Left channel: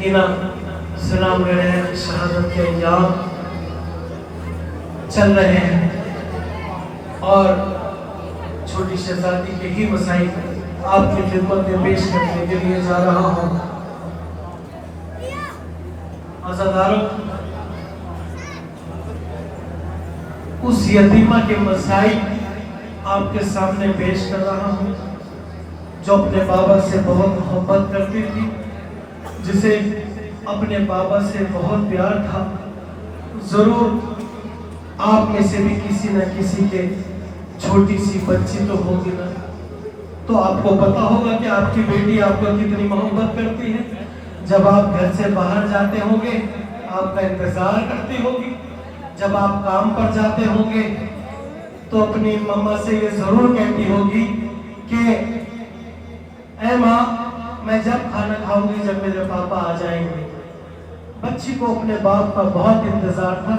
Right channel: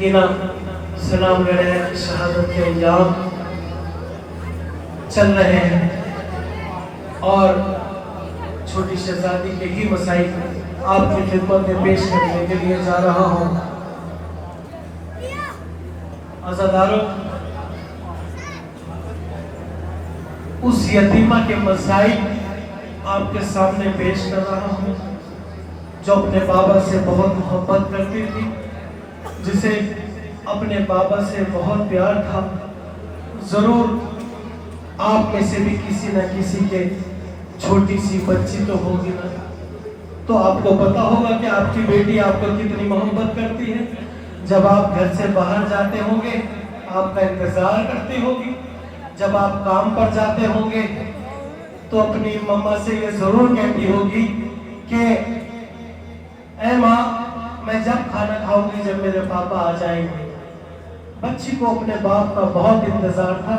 सकीना सलाम ले रहे हैं, शहादत के अंजाम चल रहे हैं और छोटी शहजादी के ही मसाइल आपकी खिदमत में पेश करने के लिए जा रहा हूँ। अज़ादारों, उस यतीमा के मसाइल आपके सामने पेश कर रहा हूँ जो अपने बाबा से बहुत मोहब्बत करती थी, जिसे अपने बाबा से बहुत प्यार था। जरूर आप में से भी किसी न किसी के छोटी सी बच्ची तो होगी ना, तो आपको पता होगा कि आपकी बेटी आपको कितनी मोहब्बत करती है। जब आप घर से बाहर जाते होंगे आपका इंतजार करती होगी, जब आप काम पर जाते होंगे तो अपनी मम्मा से ये जरूर कहती होगी कि ऐ माँ, मैं जब खाना खाऊंगी जब मेरे पापा आ जाएंगे। बच्ची को अपने बाप का बहुत इंतजार था।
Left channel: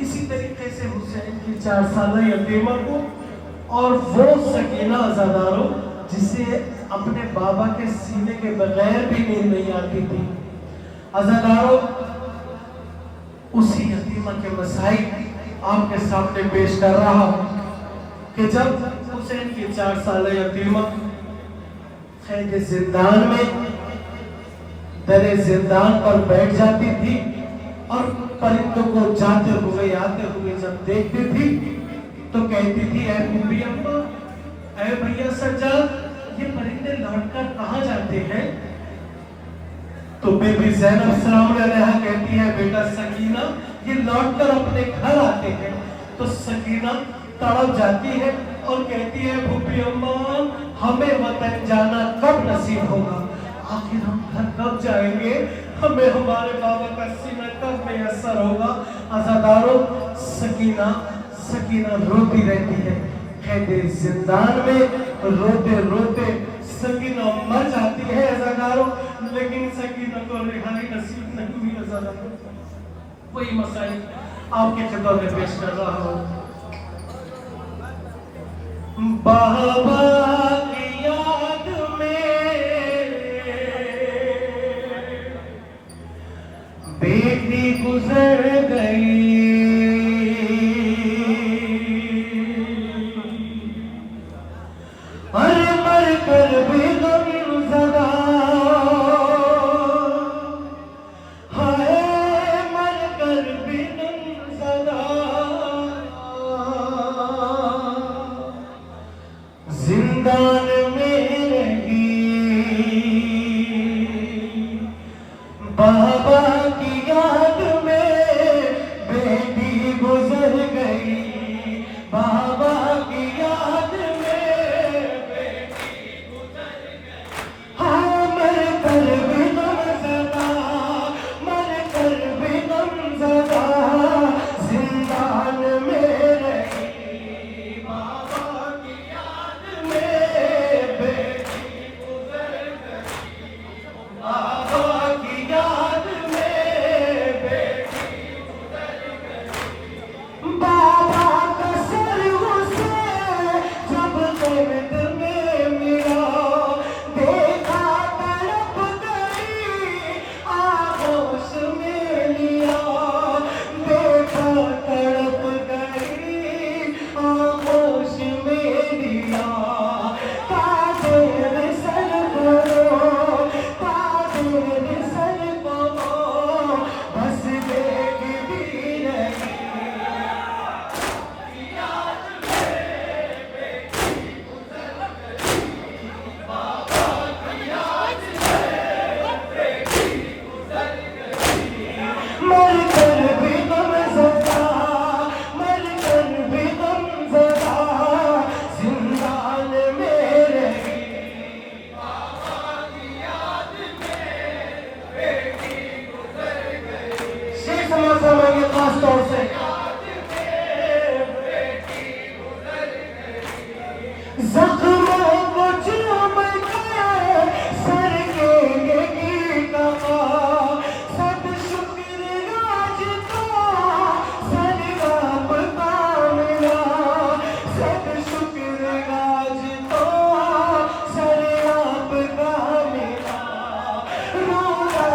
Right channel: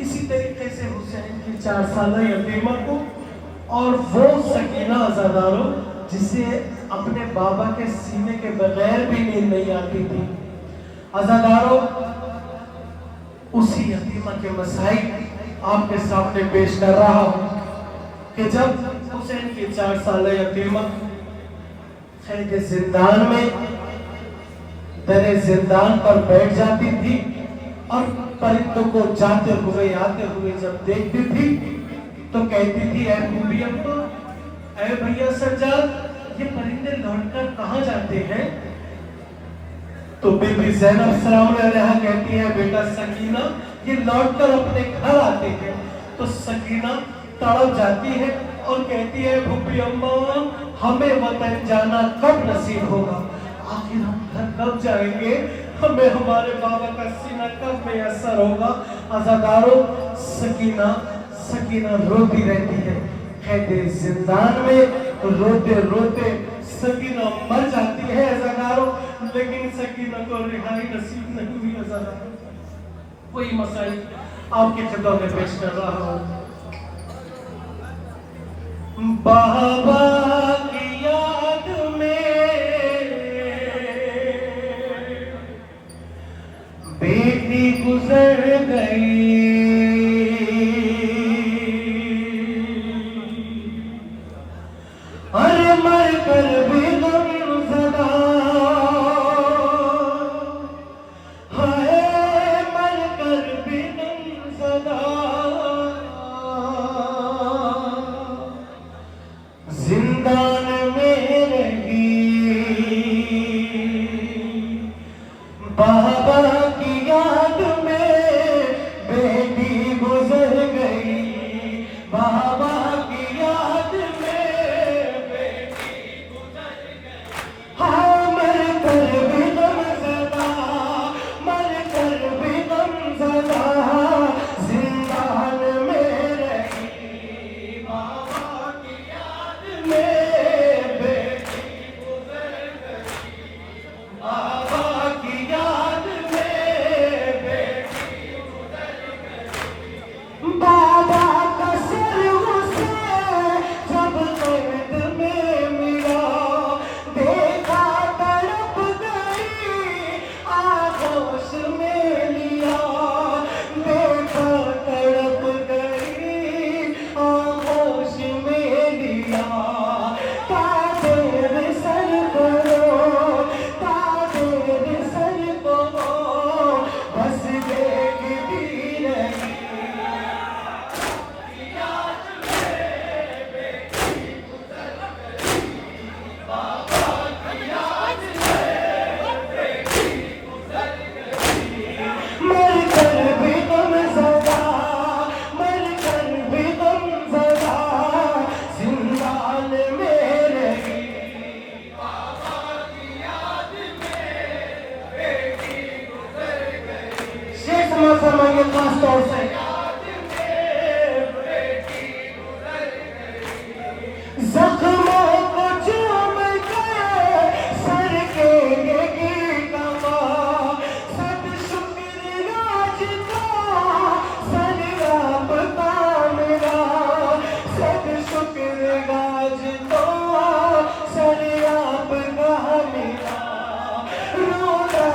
इसी तरीके से हुसैन की 4 साल यतीमा को और वो सकीना अज़ादारों जिसे अपने बाबा के सीने के बगैर भी नींद नहीं आती थी। अज़ादारों, उसी यतीमा के मसाइल आपके सामने पेश कर रहा हूं कि जब हुसैन की 4 साल यतीमा कैद जिंदान में दरे जिंदान पर बैठ जाती थी और परिंदों को जाते हुए आते हुए जब देखती थी तो कहती थी, ऐ बीबी अम्मा, ऐ भैया सज्जाद, ये परिंदे लौटकर कहाँ जाते हैं? तो बीबी ज़ैनब सलाम अलैहा कहती है, बेटा सकीना, ये लौटकर अपने घर आते हैं। तो सकीना तड़प जाती है और कहती है, बीबी अम्मा, हमें वतन जाना कब नसीब होगा? आखिर हम घर कब जाएंगे? हमें हमारे बाबा का सीना कब मैसर होगा? अज़ादारों, सकीना रोती रहती है। कैद जिंदान में रोते रोते सकीना मर जाती है अज़ादारों, लेकिन सकीना को रिहाई नसीब नहीं हुई। अज़ादारों, वही मसाइल आपके खिदमत में पेश कर रहा हूँ। बाबा की याद में बेटी गुजर गई, अरे मर कर भी गमज़दा, हाय मर कर भी गमज़दा, जिंदान में रही। बाबा की याद में बेटी गुजर गई, बाबा की याद में बेटी गुजर गई। हाँ, मर कर भी गमज़दा, मर कर भी गमज़दा, जिंदान में रही। बाबा की याद में बेटी गुजर गई, बाबा की याद में बेटी गुजर गई। बाबा का सर उसे जब दर्द में मिला, देखा तड़प गई, आगोश में लिया, देखा तड़प गई, आगोश में लिया। कादेर सर करो, कादेर सर करो, बस देखती रही। मर कर भी गमज़दा, मर कर भी गमज़दा, जिंदान में रही। शेख समाज समाइए खास तौर से। जख्मों को चूम के सर के ये गीत गाओ, सब शुक्र आज का सर आपका मिला, सब शुक्र आज का सर आपका मिला। रोना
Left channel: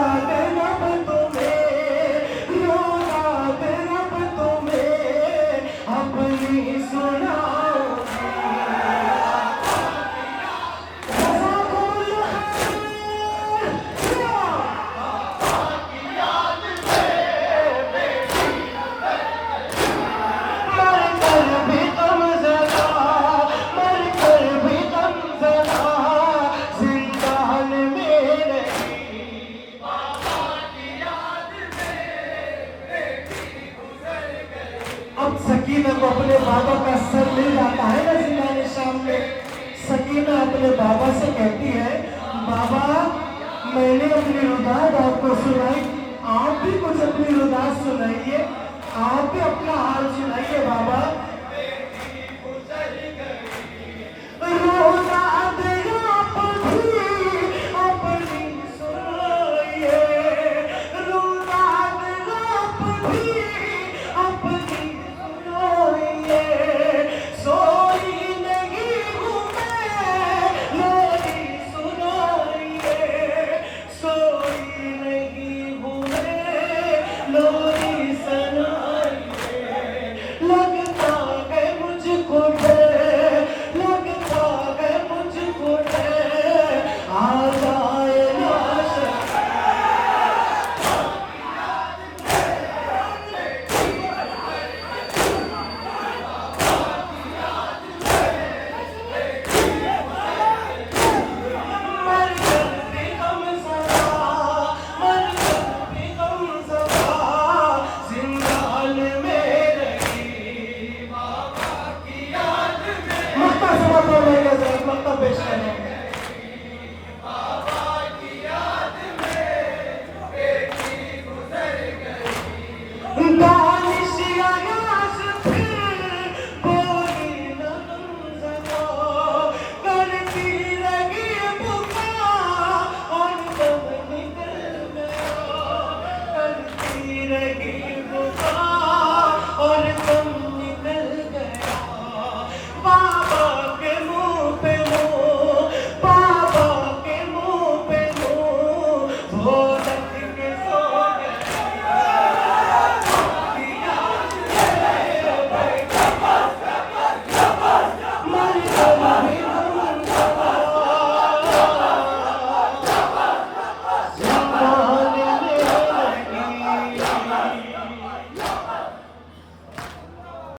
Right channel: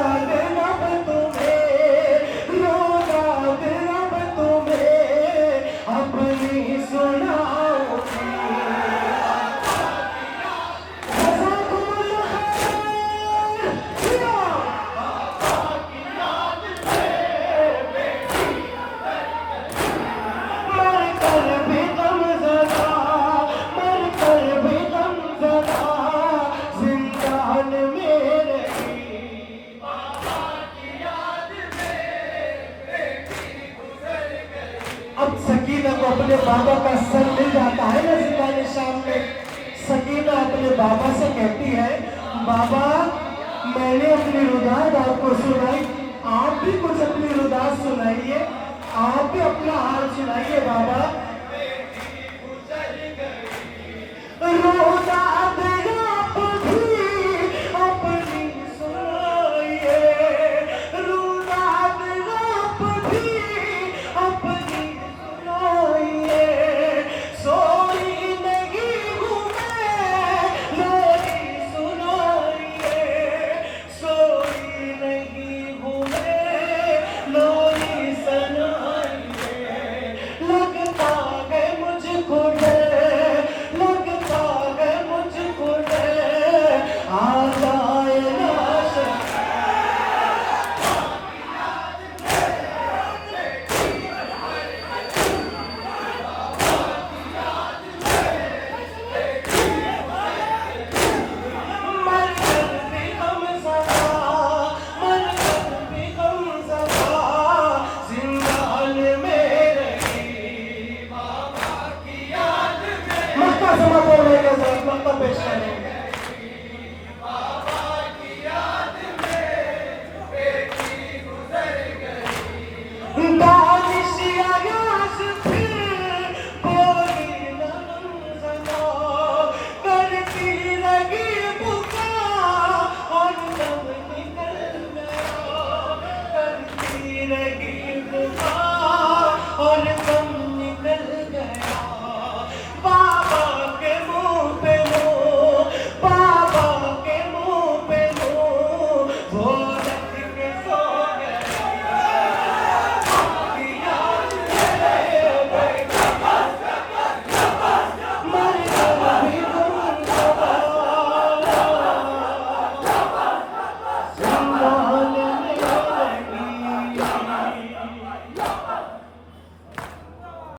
बाबा मैंने अपनी रुदात आपको सुनाई, आप भी कुछ अपनी रुदात सुनाइए, आप भी अपना हाल सुनाइए बाबा।